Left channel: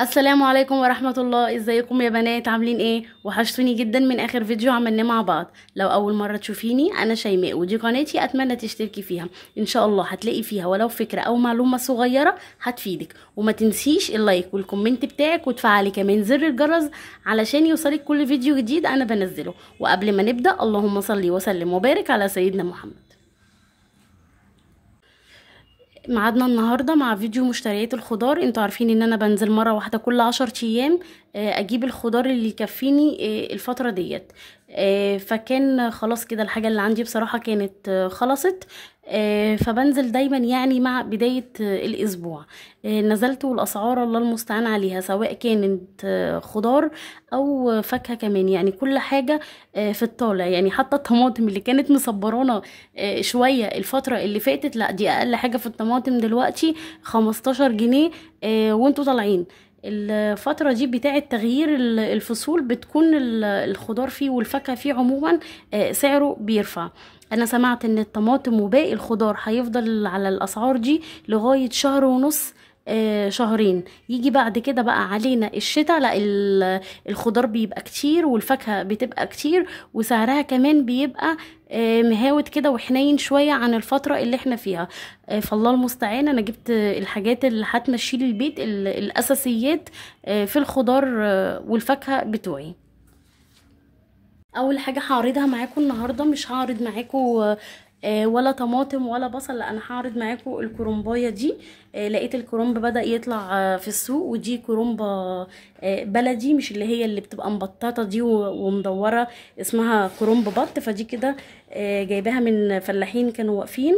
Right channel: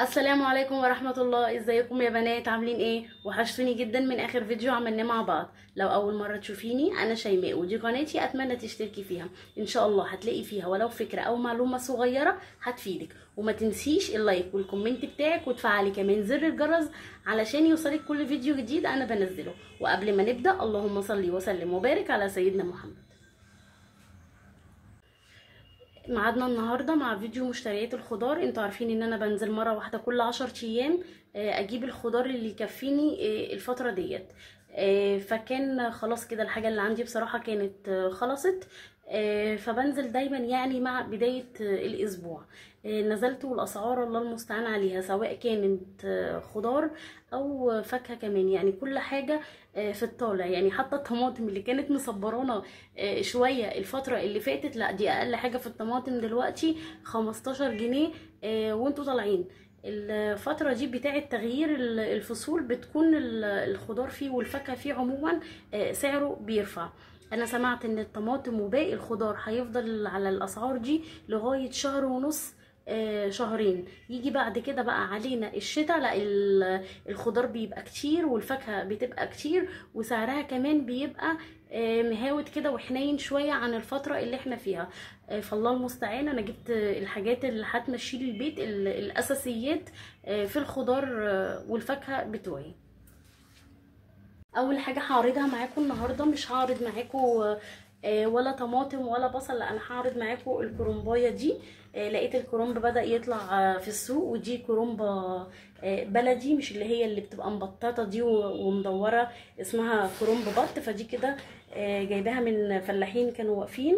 السلام عليكم ورحمة الله. ازيكم يا بنات؟ عاملين ايه؟ وحشتوني جدا من اخر فيديو عملناه مع بعض. لو اول مرة تشوفيني، انا شيماء ودي قناتي، اتمنى تشتركي فيها. ان شاء الله هتلاقي فيها ولو فكرة او معلومة صغيرة هتفيدك. وما تنسيش اللايك والكومنت بتاعك، وتفعلي كمان زر الجرس علشان يوصلك كل فيديو جديد انا بنزله. وقبل ما نبدأ، اللهم صل وسلم وبارك على سيدنا محمد. ميعادنا النهارده مع فيديو مشتريات الخضار. انتوا عارفين ان انا بنزل مره واحده كل 10 ايام اجيب الخضار اللي يكفيني الفتره ديت. فكان خلاص كده الحاجه اللي عندي بصراحه كانت خلصت. فبنزل دايما يعني مع بدايه الاسبوع. نزلت، والاسعار الله المستعان عليها، سواء كانت خضار او فاكهه كمان، يعني كل حاجه في الطالع. يعني حتى الطماطم اللي كانت مصبرانا شويه الفتره اللي فاتت، لا دي اقل حاجه في الطماطم دلوقتي 15 جنيه. وانتوا طالعين الفترة دي بتاعة تغيير الفصول، بتكون الخضار فيه والفاكهة فيه عموما سعره بيرفع. انا سمعت ان الطماطم وباقي الخضار هيفضل على الاسعار دي لغاية شهر ونص، شهرين. يجي بعد كده بقى علينا الشتاء، لا الخضار بيبقى كتير والفاكهة بتبقى كتير، وسعرها كمان بيبقى مهاوت كده وحنين شوية عن الفترة اللي احنا فيها. فالله المستعان. انا جبت الحاجات اللي هتمشي لي البيت، الاساسيات في الخضار والفاكهة بتوعي. اول حاجه هعرضها معاكم النهارده، مش هعرض معاكم ولا طماطم ولا بصل، لا انا هعرض معاكم الكرنبايه دي. لقيت الكرنب بدأ يطلع في السوق، ودي كرنبه بلدي، مش اللي هي اللي بتبقى مبططه دي ومدوره، اسمها كرنب بط. فدي كده جايباها من فلاحين كانوا واقفين.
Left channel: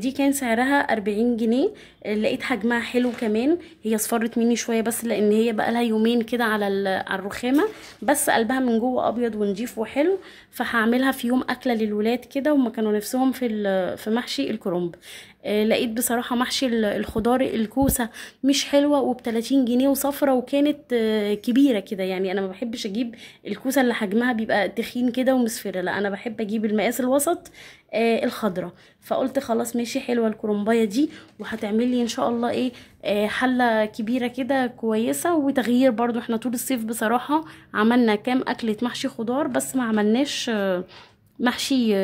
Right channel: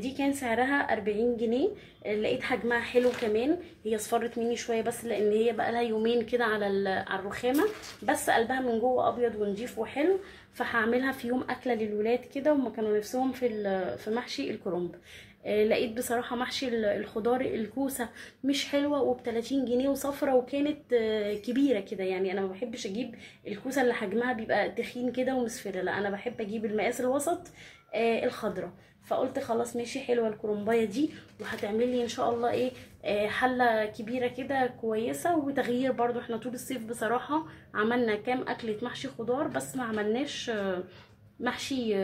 دي كان سعرها 40 جنيه. لقيت حجمها حلو كمان. هي اصفرت مني شويه بس لان هي بقى لها يومين كده على الرخامه، بس قلبها من جوه ابيض ونضيف وحلو. فهعملها في يوم اكله للولاد كده، وما كانوا نفسهم في محشي الكرنب. لقيت بصراحه محشي الخضار الكوسه مش حلوه، وب 30 جنيه وصفرة، وكانت كبيره كده. يعني انا ما بحبش اجيب الكوسه اللي حجمها بيبقى تخين كده ومصفره، لا انا بحب اجيب المقاس الوسط الخضره. فقلت خلاص ماشي، حلوه الكرنبايه دي، وهتعمل لي ان شاء الله ايه حله كبيره كده كويسه وتغيير. برضو احنا طول الصيف بصراحه عملنا كام اكله محشي خضار، بس ما عملناش محشي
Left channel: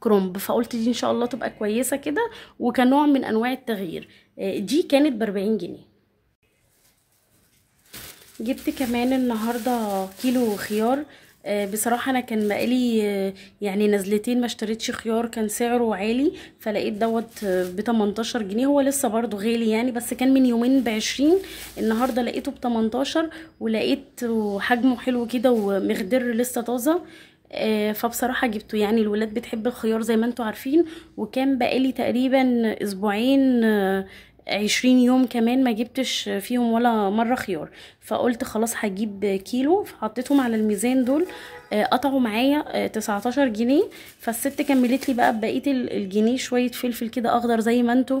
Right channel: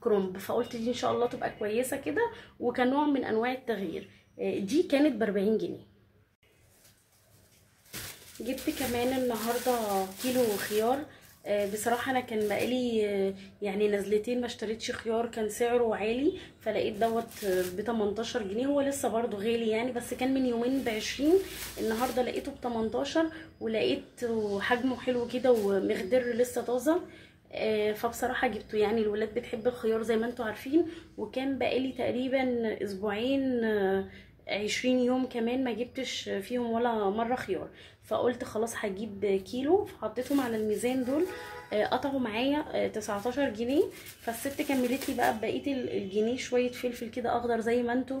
كرنب. فقلت دي ان شاء الله تبقى كويسه كده، وكنوع من انواع التغيير. دي كانت ب40 جنيه. جبت كمان النهارده كيلو خيار. بصراحه انا كان بقالي يعني نزلتين ما اشتريتش خيار، كان سعره عالي، فلقيت دوت ب 18 جنيه. هو لسه برضو غالي يعني، بس كان من يومين ب20. النهارده لقيته ب 18، ولقيت حجمه حلو كده ومخضر لسه طازه. فبصراحه جبته. يعني الولاد بتحب الخيار زي ما انتوا عارفين، وكان بقالي تقريبا اسبوعين 20 يوم كمان ما جبتش فيهم ولا مرة خيار. فقلت خلاص هجيب كيلو، فحطيتهم على الميزان دول. قطعوا معايا 19 جنيه. فالست كملت لي بقى بقية الجنيه شوية فلفل كده اخضر زي ما انتوا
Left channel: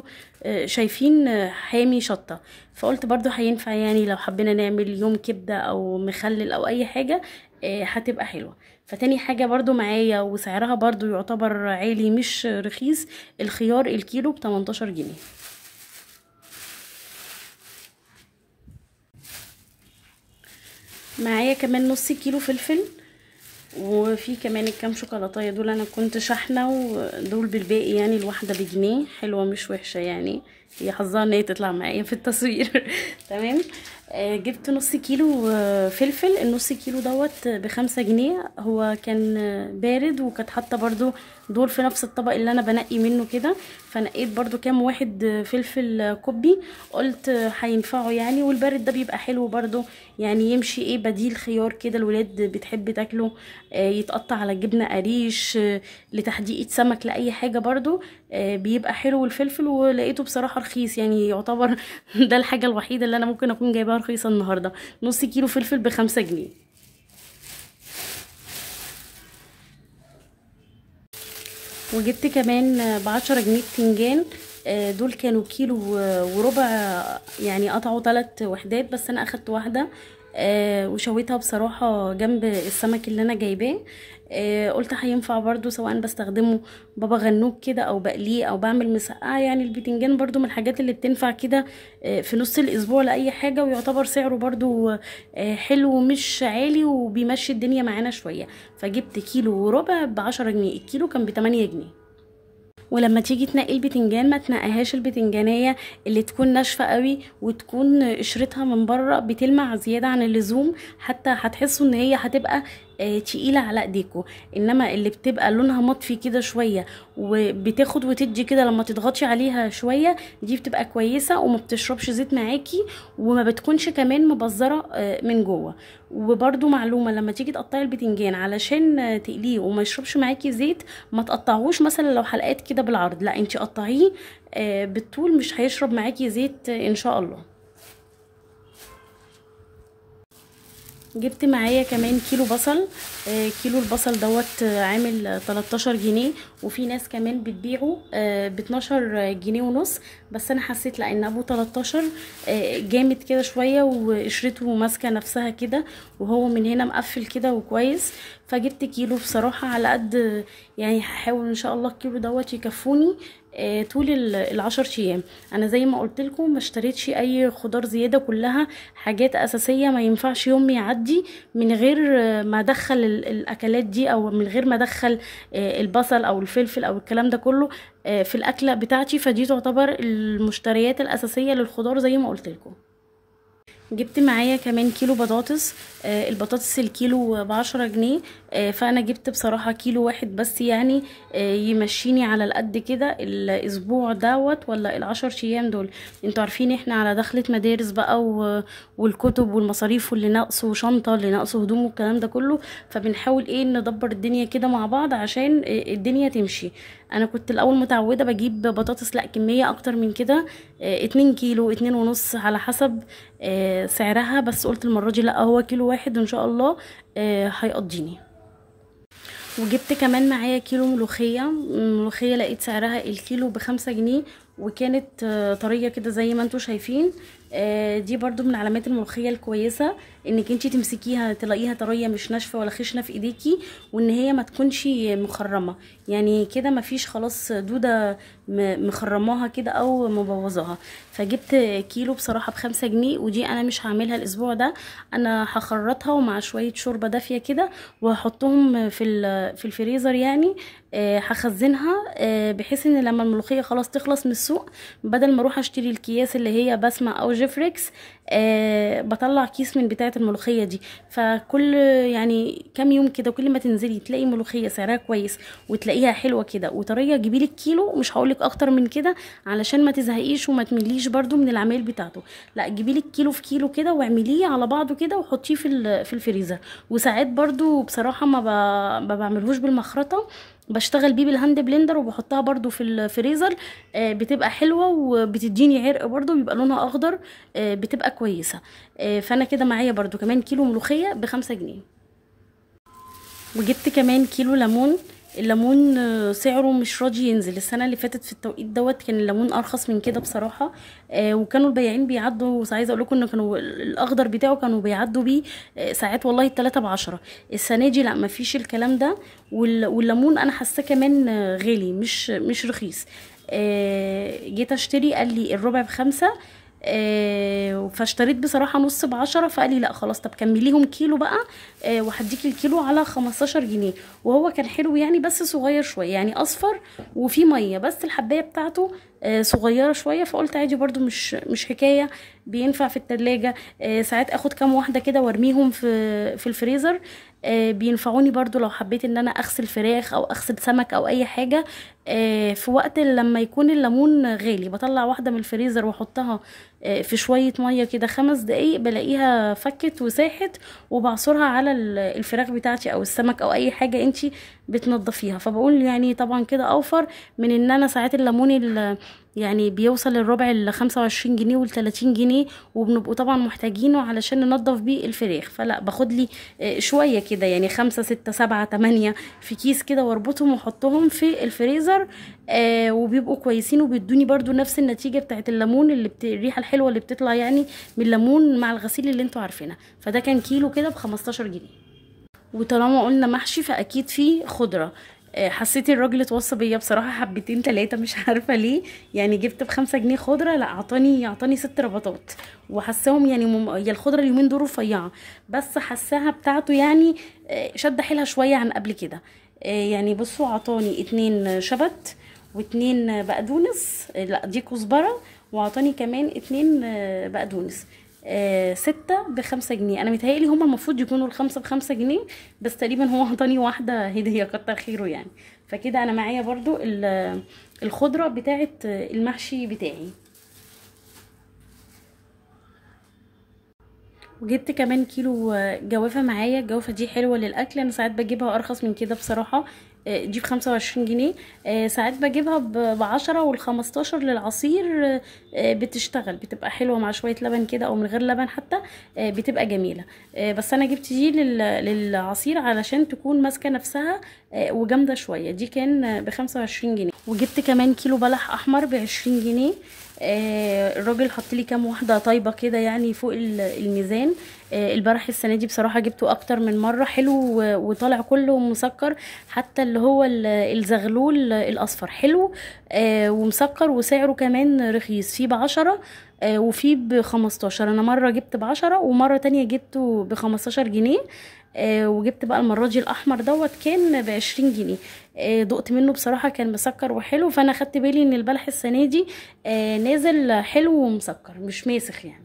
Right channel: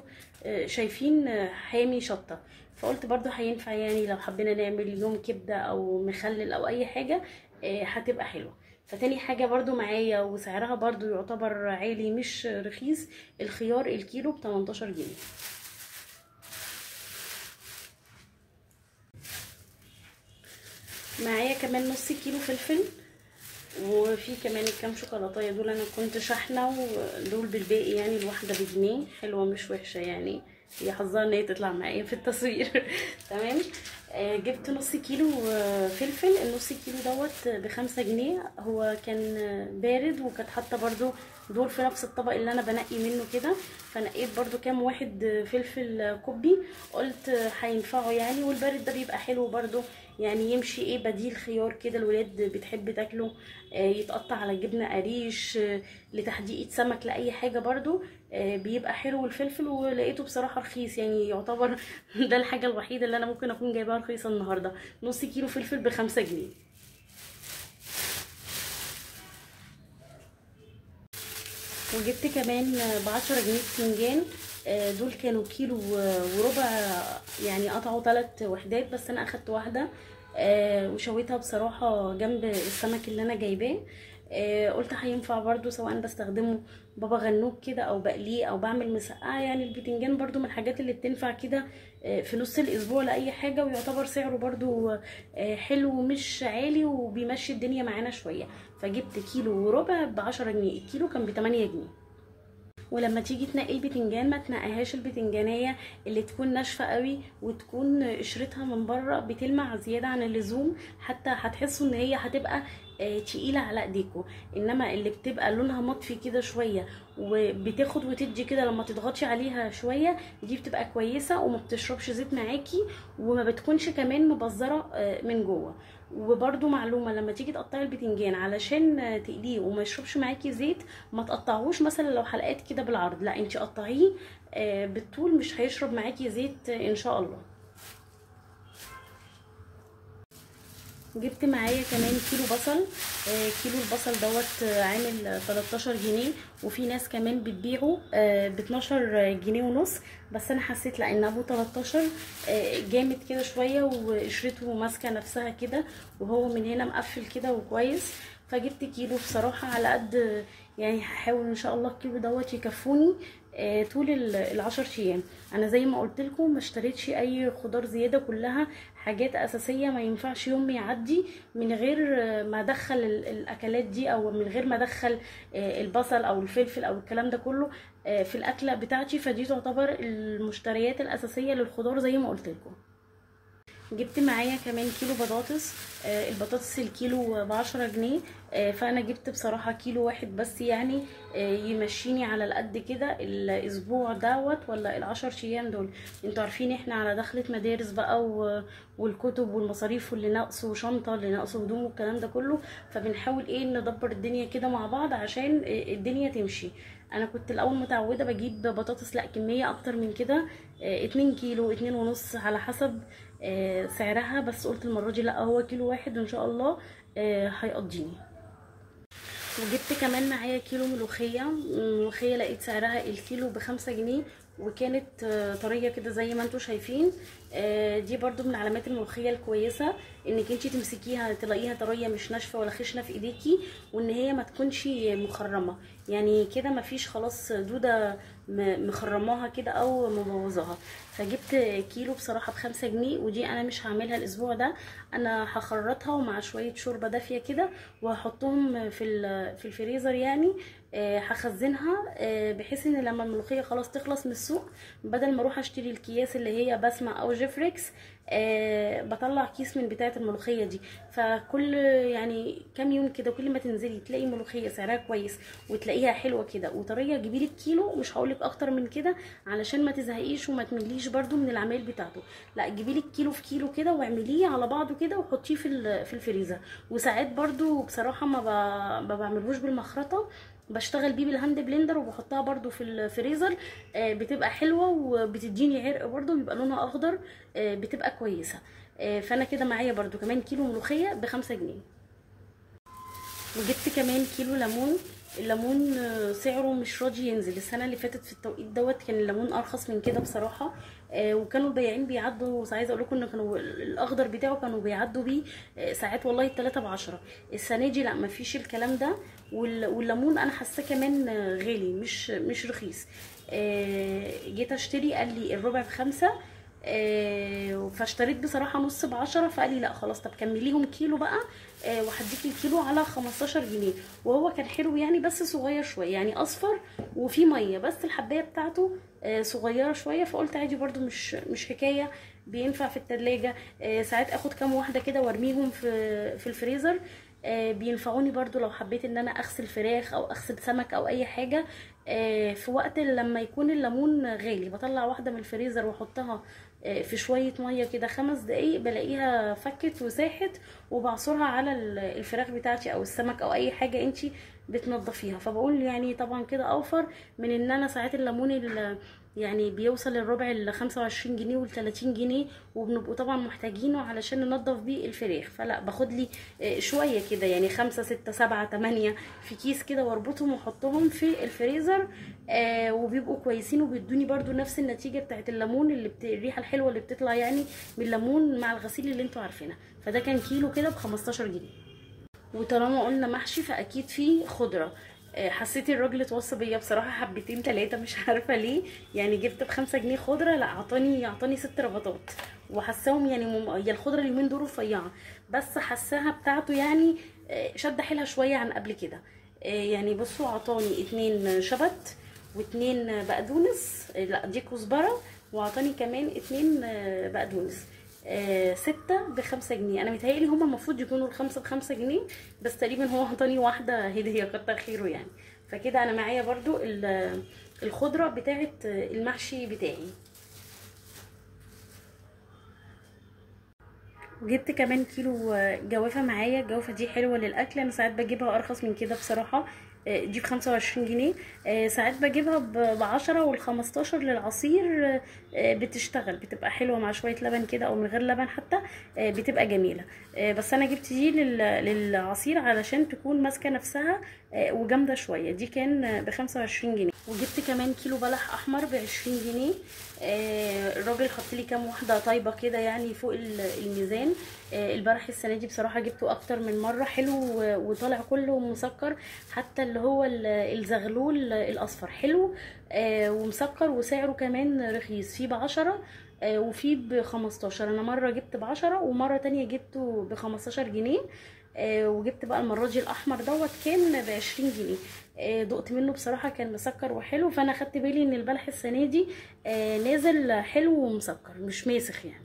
شايفين، حامي شطة. فقلت برضو هينفع يعني لو حبينا نعمل يوم كبدة او مخلل او اي حاجة هتبقى حلوة. فتاني حاجة برضو معايا وسعرها برضو يعتبر عالي مش رخيص، الخيار الكيلو ب 18 جنيه. معايا كمان نص كيلو فلفل، وفي كمان الكام شوكولاتايه دول انا كنت شحنه، ودول بالباقي يعني الواحده بجنيه. حلوه مش وحشه يعني، هي حظها ان هي تطلع معايا في التصوير. تمام. جبت نص كيلو فلفل. النص كيلو دوت ب5 جنيه. هو كان بارد، وكانت حاطه برضو دول في نفس الطبق اللي انا بنقي منه كده. فنقيت برضو كام واحد فلفل كوبي، قلت هينفعوا يعني، والبارد ده بيبقى حلو برضو. يعني يمشي ايه بديل خيار كده، الولاد بتحب تاكله. يتقطع على جبنه قريش، لتحديقة سمك، لاي حاجه برضو بيبقى حلو الفلفل. ولقيته بصراحه رخيص يعني، يعتبر ده الحاجه الوحيده اللي انا ممكن اكون جايباها رخيصه النهارده. نص كيلو فلفل ب5 جنيه. وجبت كمان ب10 جنيه بتنجان. دول كانوا كيلو وربع، يعني قطعوا 3 وحدات، بس انا اخدت واحدة وشويتها بصراحة جنب السمك اللي انا جايباه. قلت هينفع برضو سواء بستخدمه بابا غنوج كده او بقليه او بعمل مسقعه. يعني البتنجان برضو من الحاجات اللي بتنفع كده في نص الاسبوع لاي حاجه، ويعتبر سعره برضو حلو ومش عالي وبيمشي الدنيا معانا شويه. فجبت كيلو وربع ب10 جنيه، الكيلو كان ب8 جنيه. ولما تيجي تنقي البتنجان ما تنقيهاش البتنجانيه اللي تكون ناشفه قوي وتكون قشرتها من بره بتلمع زياده عن اللزوم، حتى هتحسوا ان هي هتبقى تقيله على ايديكوا. انما اللي بتبقى لونها مطفي كده شويه وبتاخد وتدي كده لما تضغطي عليها شويه، دي بتبقى كويسه وما بتشربش زيت معاكي وما بتكونش كمان مبذره من جوه. وبرده معلومه، لما تيجي تقطعي البتنجان علشان تقليه وما يشربش معاكي زيت، ما تقطعوش مثلا لو حلقات كده بالعرض، لا انتي قطعيه بالطول، مش هيشرب معاكي زيت ان شاء الله. جبت معايا كمان كيلو بصل. كيلو البصل دوت عامل 13 جنيه، وفي ناس كمان بتبيعه ب12 جنيه ونص، بس انا حسيت لان ابو 13 جامد كده شويه وقشرته ماسكه نفسها كده، وهو من هنا مقفل كده وكويس. فجبت كيلو بصراحه على قد يعني، هحاول ان شاء الله الكيلو دوت يكفوني طول ال10 ايام. انا زي ما قلت لكم ما اشتريتش اي خضار زياده، كلها حاجات اساسيه ما ينفعش يوم يعدي من غير ما ادخل الاكلات دي، او من غير ما ادخل البصل او الفلفل او الكلام ده كله في الاكله بتاعتي. فدي تعتبر المشتريات الاساسيه للخضار زي ما قلت لكم. جبت معايا كمان كيلو بطاطس. البطاطس الكيلو ب10 جنيه. فانا جبت بصراحة كيلو واحد بس، يعني يمشيني على القد كده الاسبوع دوت ولا ال10 ايام دول. انتوا عارفين احنا على دخلة مدارس بقى والكتب والمصاريف واللي ناقصه شنطة اللي ناقصه هدوم والكلام ده كله، فبنحاول ايه ندبر الدنيا كده مع بعض عشان الدنيا تمشي. انا كنت الاول متعودة بجيب بطاطس لا كمية اكتر من كده، 2 كيلو 2.5 على حسب سعرها، بس قلت المرة دي لا، هو كيلو واحد ان شاء الله هيقضيني. وجبت كمان معايا كيلو ملوخية لقيت سعرها الكيلو ب5 جنيه، وكانت طرية كده زي ما انتوا شايفين. دي برضو من علامات الملوخية الكويسة، انك انتي تمسكيها تلاقيها طرية مش ناشفة ولا خشنة في ايديكي، وان هي ما تكونش مخرمة، يعني كده ما فيش خلاص دودة مخرماها كده او مبوظاها. فجبت كيلو بصراحة ب5 جنيه، ودي انا مش هعملها الاسبوع ده، انا هخرطها ومع شوية شوربة دافية كده وهحطهم في الفريزر يعني. هخزنها بحيث ان لما الملوخيه خلاص تخلص من السوق، بدل ما اروح اشتري الكياس اللي هي بسمة او جيفريكس، بطلع كيس من بتاعه الملوخيه دي. فكل يعني كام يوم كده كل ما تنزلي تلاقي ملوخيه سعرها كويس وتلاقيها حلوه كده وطريه، جيبيلك كيلو، مش هقولك اكتر من كده علشان ما تزهقيش وما تمليش برضو من العمايل بتاعته، لا جيبيلك كيلو في كيلو كده واعمليه على بعضه كده وحطيه في الفريزر. وساعات برضو بصراحه ما بعملهوش بالمخرطه، بشتغل بيه بالهاند بلندر وبحطها برضو في الفريزر، بتبقى حلوة وبتديني عرق برضو، بيبقى لونها اخضر، بتبقى كويسة. فانا كده معايا برضو كمان كيلو ملوخية ب5 جنيه. وجبت كمان كيلو ليمون. الليمون سعره مش راضي ينزل. السنه اللي فاتت في التوقيت دوت كان الليمون ارخص من كده بصراحه، وكانوا البياعين بيعدوا، عايزه اقول لكم ان كانوا الاخضر بتاعه كانوا بيعدوا بيه ساعات والله 3 ب10. السنه دي لا مفيش الكلام ده، والليمون انا حاساه كمان غالي مش رخيص. جيت اشتري قال لي الربع ب5، فاشتريت بصراحة نص ب10، فقال لي لا خلاص طب كمليهم كيلو بقى وهديكي الكيلو على 15 جنيه. وهو كان حلو يعني بس صغير شوية، يعني اصفر وفي مية، بس الحباية بتاعته صغيرة شوية، فقلت عادي برضو مش حكاية، بينفع في التلاجة. ساعات اخد كام واحدة كده وارميهم في الفريزر، بينفعوني برضو لو حبيت ان انا اغسل فراخ او اغسل سمك او اي حاجة. في وقت لما يكون الليمون غالي بطلع واحدة من الفريزر واحطها في شوية مية كده 5 دقايق، بلاقيها فكت وساحت، وبعصرها على الفراخ بتاعتي او السمك او اي حاجة انتي بتنضفيها. فبقول يعني طبعا كده اوفر من ان انا ساعات الليمون يعني بيوصل الربع ل25 جنيه وال30 جنيه، وبنبقوا طبعا محتاجينه علشان ننضف بيه الفراخ. فلا باخد لي شوية كده يعني 5 6 7 8 في كيس كده واربطهم واحطهم في الفريزر، وبيبقوا كويسين وبيدوني برضو نفس النتيجة بتاعت الليمون الريحة الحلوة اللي بتطلع يعني من الليمون مع الغسيل اللي انتوا عارفينها. فده كان كيلو كده ب15 جنيه. وطالما قلنا محشي فاكيد فيه خضره. حسيت الراجل اتوصى بيا بصراحه حبتين تلاتة، مش عارفه ليه. يعني جبت ب5 جنيه خضره، لا اعطاني 6 ربطات. وحساهم يعني هي الخضره اليومين دول رفيعه، بس حساها بتاعته يعني شد حيلها شويه عن قبل كده. يعني بصوا عطاني 2 شبت و2 بقدونس، لا دي كزبره، وعطاني كمان 2 بقدونس. 6 ب5 جنيه. انا متهيألي هما المفروض يكونوا ال5 ب5 جنيه، بس تقريبا هو عطاني واحدة هدية، كتر خيره يعني. فكده انا معايا برضو الخضرة بتاعة المحشي بتاعي. وجبت كمان كيلو جوافة معايا. الجوافة دي حلوة للأكل، أنا ساعات بجيبها أرخص من كده بصراحة. دي ب25 جنيه. ساعات بجيبها ب10 وال15 للعصير. بتشتغل، بتبقى حلوة مع شوية لبن كده أو من غير لبن حتى. بتبقى جميلة. بس أنا جبت دي للعصير علشان تكون ماسكة نفسها وجامدة شوية. دي كان ب25 جنيه. وجبت كمان كيلو بلح أحمر ب20 جنيه. الراجل حط لي كام واحده طيبه كده يعني فوق الميزان. البلح السنه دي بصراحه جبته اكتر من مره، حلو وطالع كله مسكر. حتى اللي هو الزغلول الاصفر حلو ومسكر، وسعره كمان رخيص، فيه ب10 وفيه ب15. انا مره جبت ب10 ومره تانية جبته ب15 جنيه. وجبت بقى المره دي الاحمر دوت كان ب20 جنيه. دقت منه بصراحه كان مسكر وحلو، فانا خدت بالي ان البلح السنه دي نازل حلو ومسكر مش ماسخ يعني.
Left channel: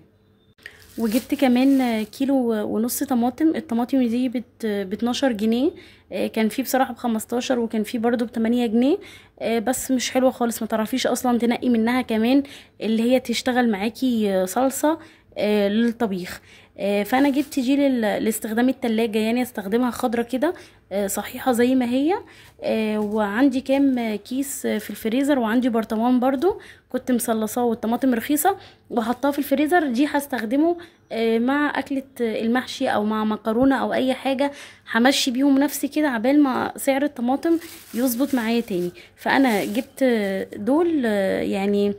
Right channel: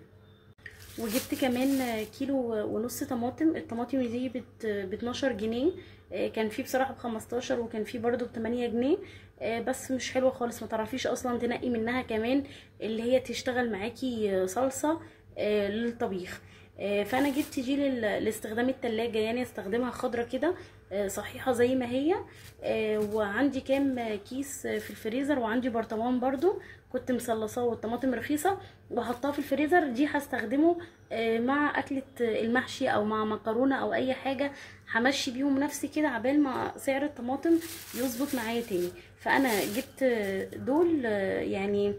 وجبت كمان كيلو ونص طماطم. الطماطم دي ب12 جنيه. كان فيه بصراحة ب15 وكان فيه برضو ب8 جنيه. بس مش حلوة خالص، ما تعرفيش اصلا تنقي منها كمان اللي هي تشتغل معاكي صلصة للطبيخ. فانا جبت دي لاستخدام التلاجة، يعني استخدمها خضرة كده صحيحة زي ما هي. وعندي كام كيس في الفريزر، وعندي برطمان برضو كنت مصلصاه والطماطم رخيصة وحطاه في الفريزر. دي هستخدمه مع اكلة المحشي او مع مكرونة او اي حاجة، همشي بيهم نفسي كده عبال ما سعر الطماطم يظبط معايا تاني. فانا جبت دول يعني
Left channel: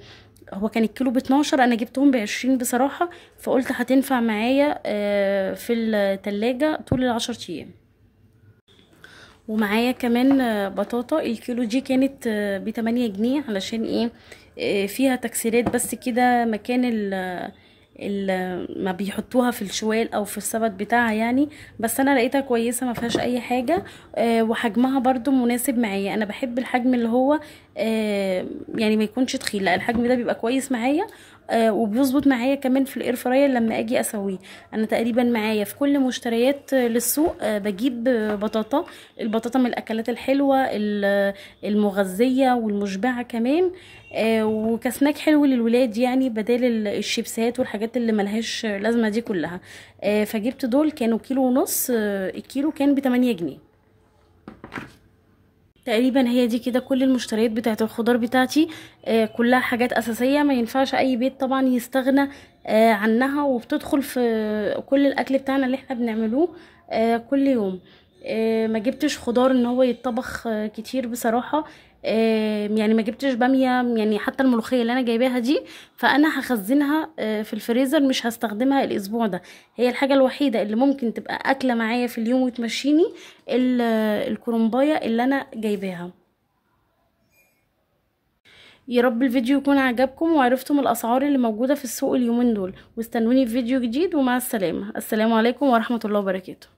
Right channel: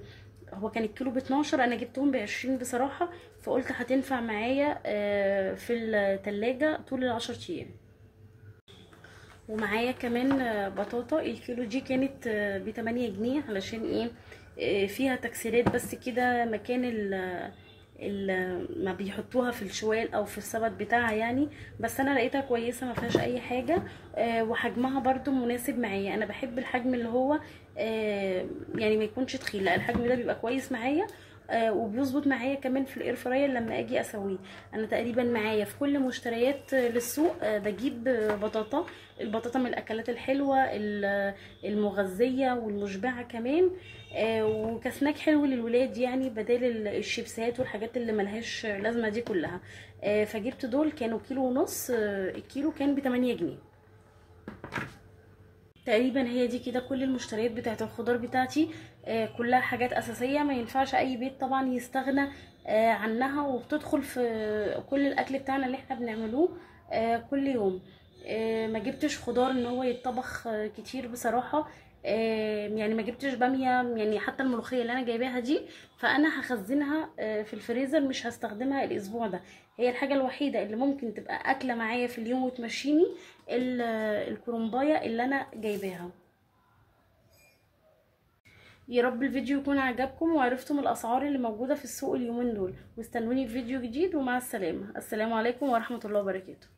هو كان الكيلو ب12، انا جبتهم ب20 بصراحة، فقلت هتنفع معايا في التلاجة طول ال10 ايام. ومعايا كمان بطاطا. الكيلو دي كانت ب8 جنيه، علشان ايه؟ فيها تكسيرات بس كده مكان ما بيحطوها في الشوال او في السبت بتاعها يعني. بس انا لقيتها كويسه ما فيهاش اي حاجه. وحجمها برضو مناسب معايا. انا بحب الحجم اللي هو يعني ما يكونش تخين، لا الحجم ده بيبقى كويس معايا. وبيظبط معايا كمان في الاير فراير لما اجي اسويه. انا تقريبا معايا في كل مشتريات للسوق بجيب بطاطا. البطاطا من الاكلات الحلوه المغذيه والمشبعه كمان. وكسناك حلو للولاد يعني، بدال الشيبسات والحاجات اللي ملهاش لازمه دي كلها. فجبت دول كانوا كيلو ونص. الكيلو كان ب8 جنيه تقريبا. هي دي كده كل المشتريات بتاعت الخضار بتاعتي. كلها حاجات اساسيه ما ينفعش اي بيت طبعا يستغنى عنها، وبتدخل في كل الاكل بتاعنا اللي احنا بنعملوه كل يوم. ما جبتش خضار ان هو يتطبخ كتير بصراحه. يعني ما جبتش باميه، يعني حتى الملوخيه اللي انا جايباها دي فانا هخزنها في الفريزر، مش هستخدمها الاسبوع ده. هي الحاجه الوحيده اللي ممكن تبقى اكله معايا في اليوم وتمشيني الكرنبايه اللي انا جايباها. يا رب الفيديو يكون عجبكم وعرفتم الاسعار اللي موجوده في السوق اليومين دول، واستنوني في فيديو جديد، ومع السلامه. السلام عليكم ورحمه الله وبركاته.